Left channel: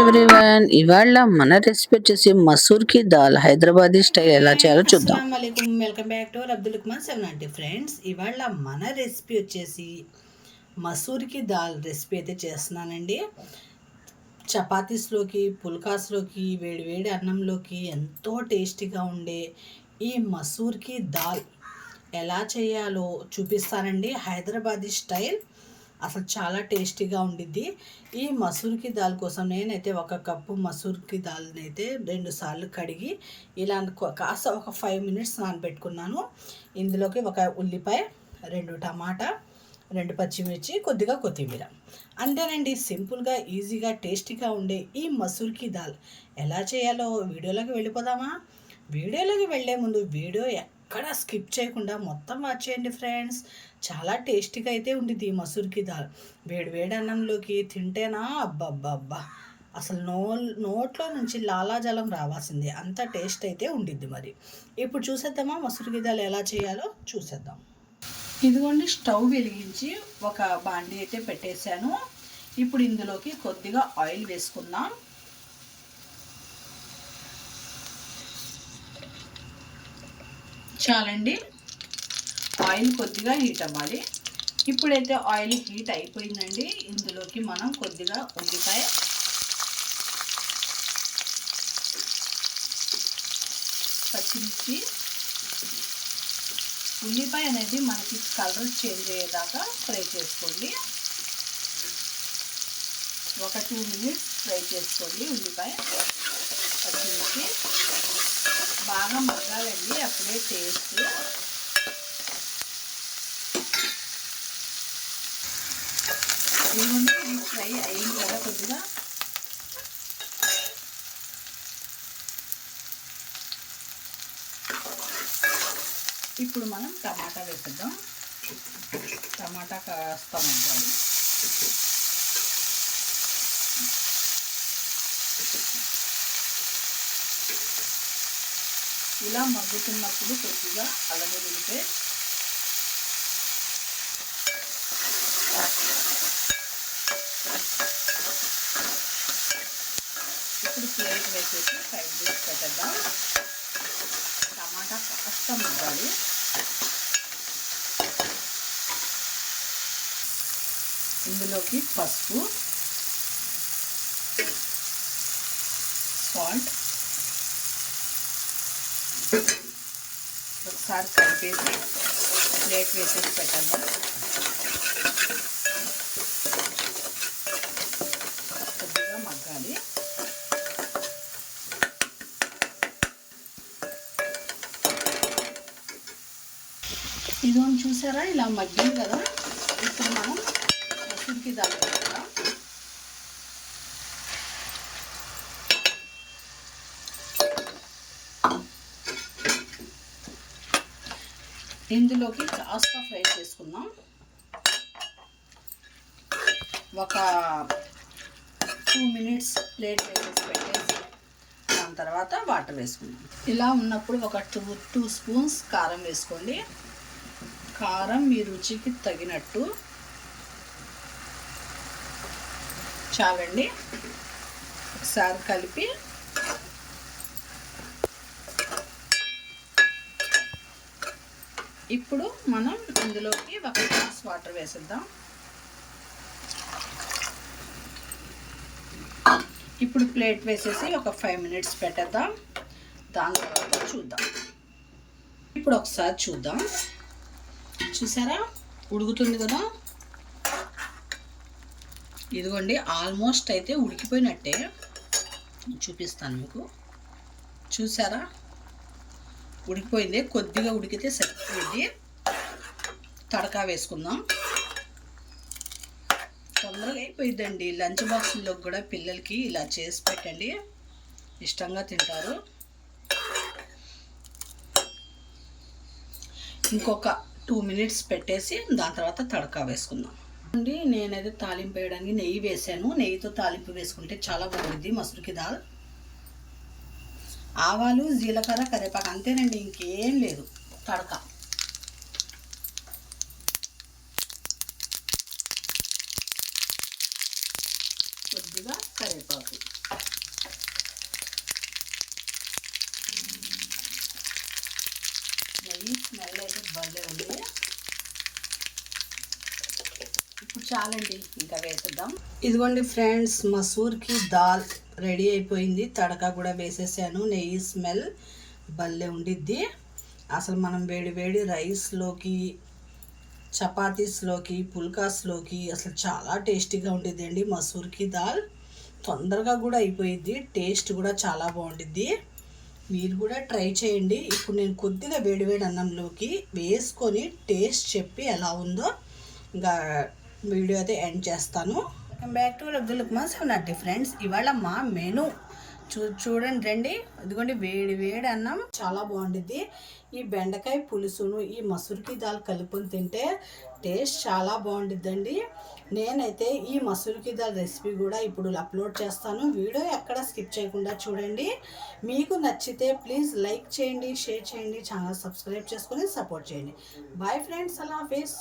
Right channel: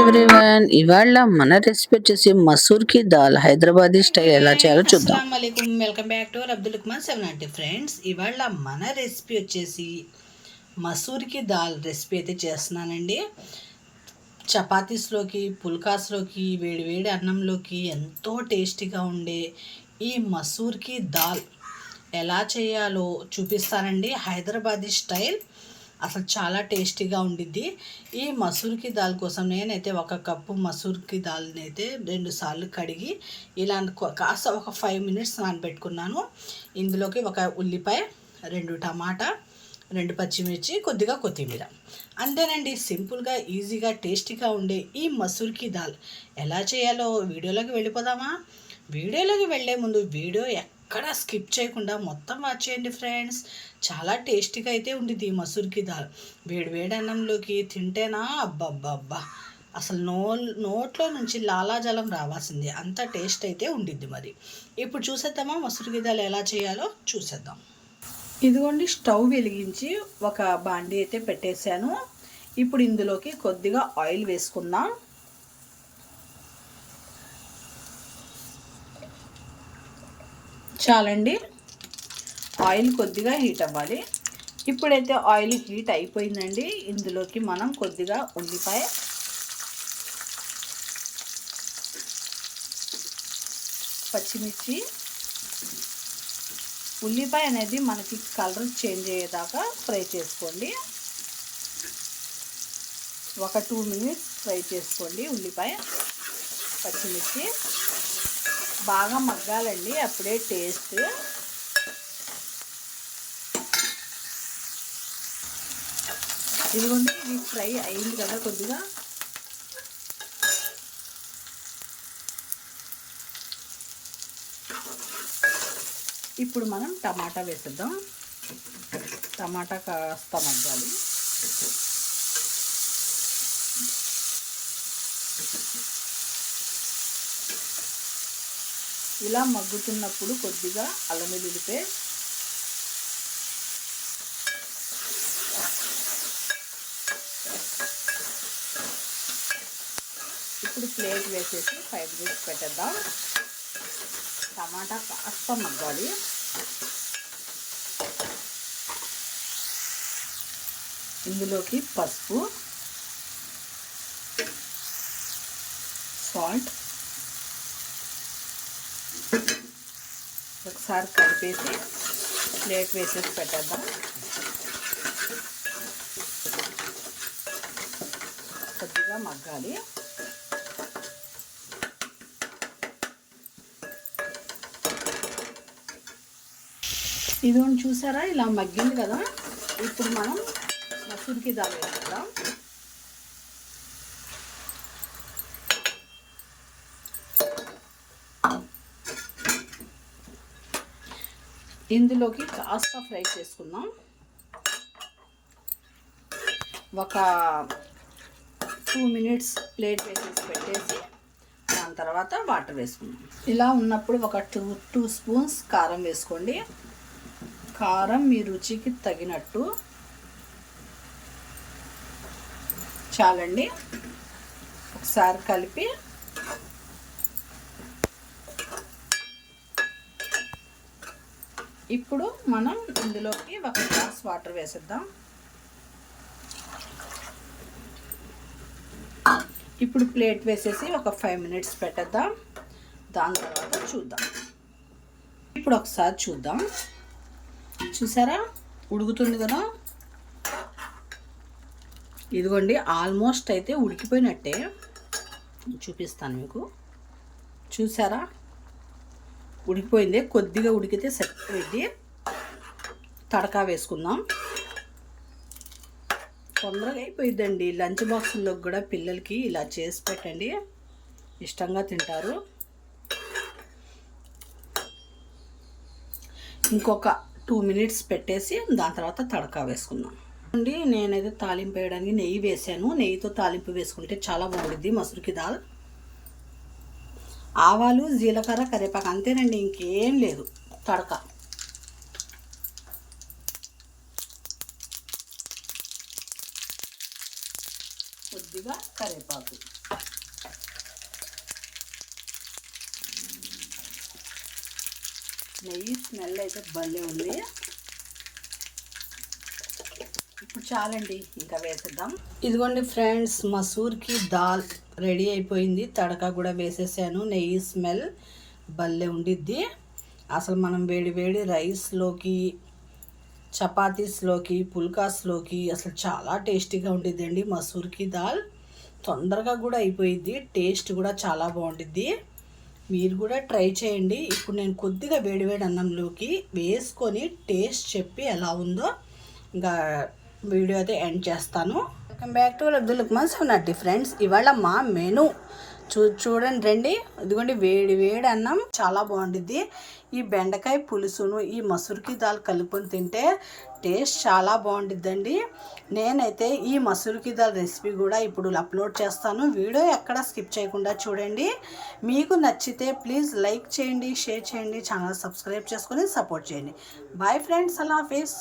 Everyone, ఇవాళ మన recipe వచ్చేసి మసూర్ కి దాల్ హైదరాబాదీ స్టైల్ ఎలా చేయాలో చూద్దాం. అస్సలం వాలేకుమ్, welcome back to Abdul Kumar 790 friends. ఇవాళ మన రెసిపీ వచ్చేసి మసూర్కి దాల్ రెసిపీ అయితే చేస్తున్నానండి. చపాతీస్లోకి, పుల్కాస్లోకి, వేడి అన్నంలోకి ఎంతో టేస్టీగా ఉండే ఈ మసూర్కి దాల్ ఎలా చేయాలో చూపిస్తానండి. హైదరాబాదీ స్టైల్ అసలు చాలా టేస్టీగా ఉండిద్ది. ఈ మసూర్కి దాల్ కోసం నేనైతే 1 కప్పు మసూర్కి దాల్ని అయితే 2 సార్లు కడిగి ఇలా కాస్త ఒక 5 మినిట్స్ నానబెట్టుకున్నాను. ఇందులోకి 1 ఉల్లిపాయ, 2 టమాటా, 2 పచ్చిమిర్చి, కొద్దిగా కొత్తిమీర. అంతేనండి. సింపుల్గా, ఈజీగా, టేస్టీగా ఉండే ఈ మసూర్కి దాల్ ఎలా చేయాలో వీడియోలోకి వెళ్ళిపోదామా? వీడియోలోకి వెళ్ళే ముందు వీడియో ఎక్కడ స్కిప్ చేయకుండా మొత్తం వాచ్ చేయండి ఫ్రెండ్స్. చాలా టేస్టీగా అయితే ఉండిద్ది ఈ మసూర్కి దాల్. వేడి అన్నంలోకి తింటేనా అబ్బబ్బబ్బా, అసలు నోట్లో నుంచి లాలాజలం రావాల్సిందే, అంత టేస్ట్ అయితే ఉండిద్ది. మరి ఇప్పుడు చూసేద్దామా మసూర్కి దాల్ ఎలా చేయాలో చూసేద్దాం. ఇదిగోండి, స్టవ్ వెలిగించి ఒక బాండీ అయితే పెట్టేశాను. ఇప్పుడు ఇందులోకి కొద్దిగా ఆయిల్ వేసుకుందాం. చాలండి, ఆయిల్ కొద్దిగా హీట్ అవ్వాలి. ఇప్పుడైతే ఆయిల్ హీట్ అయిపోయిందండి. ఇందులోకి మనం కొద్దిగా ఉల్లిపాయ, పచ్చిమిర్చి, ఉల్లిపాయ అనేది మనకి కలర్ చేంజ్ అయ్యేదాకా ఫ్రై చేసుకోండి. ఒక 2 మినిట్స్ ఫ్రై చేసుకోండి. ఉల్లిపాయ, పచ్చిమిర్చి బాగా మగ్గాలండి, అప్పుడే టేస్ట్. ఇదిగోండి, ఇది ఫ్రై అయింది కదా కొద్దిగా. ఇప్పుడు మనం టమాటా వేసేద్దాం. టమాటా కాస్త మగ్గాలి. ఇలా మగ్గుతున్నప్పుడు కొద్దిగా అల్లం వెల్లుల్లి పేస్ట్, ఇప్పుడు ప్లేట్ వేసేసి 5 మినిట్స్ పెట్టేద్దాం. టమాటా కాస్త మగ్గాలి. ఇందులోకి పసుపు, సాల్ట్ ఒకసారి కలిపేసి ప్లేట్ వేసేసి పెట్టేద్దాం. కొద్దిగా మగ్గాలి. ఇదిగోండి, చూసారా ఇలా మగ్గింది కదా. ఇప్పుడు మనం మసూర్కి దాల్ వేసుకుందాం. ఇందులోకి కాస్త ఫ్రై చేసుకుందాం. ఒక 2 మినిట్స్ ప్లేట్ వేసేసి పెట్టేసి దాని తర్వాత వాటర్ వేసుకుందాం. ఇలా ఉన్నప్పుడు ఒక 2 స్పూన్స్ కారం వేసుకోండి. కారం మీ రుచికి తగినట్టు. చాలండి. ఒకసారి కలిపి ఇప్పుడు మనం ఇందులోకి 1 గ్లాస్ వాటర్ వేసేద్దాం. ఇప్పుడు ప్లేట్ వేసేసి ఒక 5 మినిట్స్ పెట్టేద్దాం. దాని తర్వాత చూద్దాం. ఇప్పుడు ఒకసారి చూద్దాం. చూసారా, ఉడుకుతుంది కదా. ఇదిగోండి, ఆల్మోస్ట్ అయితే ఉడికిపోయినట్టే. చూపిస్తాను మీకు. చూసారా, ఉడికిపోయింది. కొద్దిగా ఉడికితే సరిపోయింది. తడకా వేసుకుందాం. తొందరగా అయిపోయిందండి. లంచ్ బాక్సుల్లో కూడా పిల్లలకి ఇలా చేసి పెట్టండి, ఇష్టంగా తింటారు. ఇంకొక 2 మినిట్స్ పెట్టేసి దాని తర్వాత తడకా వేసుకుందాం. అండి, నేనైతే తాలింపు వేయడానికి నెయ్యి వేసాను. నెయ్యితో తాలింపు వేసుకుంటే చాలా బాగుంటుంది మసూర్కి దాల్. ఆవాలు, జీలకర్ర, కరివేపాకు, అంతేనండి, ఇంకేం లేదు. తడక కొద్దిగా కరివేపాకు. నెయ్యి స్మెల్ అయితే భలే ఉంది. ఇప్పుడు చాలండి, ఇంకా వేసేద్దాం. ఇదిగోండి ఫ్రెండ్స్, మసూర్కి దాల్ రెడీ అయిపోయింది. తడక కూడా వేసేసాను. నెయ్యి స్మెల్ భలే ఉండిద్ది. అసలు మనం వేడి వేడి రైస్లోకి, చపాతీస్లోకి, పుల్కాస్లోకి అసలు చాలా టేస్టీగా ఉండిద్దండి మసూర్కి దాల్. తొందరగా కూడా అయిపోయిద్ది. టేస్ట్ కూడా చాలా బాగుండిద్ది. మీరు కూడా ట్రై చేయండి. ఇప్పుడు నేను కొద్దిగా వేడివేడి అన్నంలోకి వేసుకొని టేస్ట్ చెప్పి ఎలా ఉందో ఇంకా వీడియో అయితే ఎండ్ చేస్తాను. Welcome back to Abdul Lukman 790 friends. ఇవాళ మా మెను చూడండి రండి. ఇదిగోండి వేడి వేడి అన్నం చాలా బాగుండిద్ది. ఈ బెండకాయ పులుసును ఈ మసూర్కి దాల్ కలుపుకొని తింటే టేస్ట్ చాలా బాగుండిద్దండి. నేనైతే ఈ మసూర్కి దాల్ రెసిపీ కూడా ఇప్పుడు అప్లోడ్ చేస్తాను. వీడియో ఎక్కడ స్కిప్ చేయకుండా చూడండి. మీకు నచ్చితే ప్లీజ్ లైక్ చేయండి, షేర్ చేయండి, ఛానల్ సబ్స్క్రైబ్ చేసుకొని సపోర్ట్ చేయండి. బాయ్ ఫ్రెండ్స్, అల్లా హాఫీస్.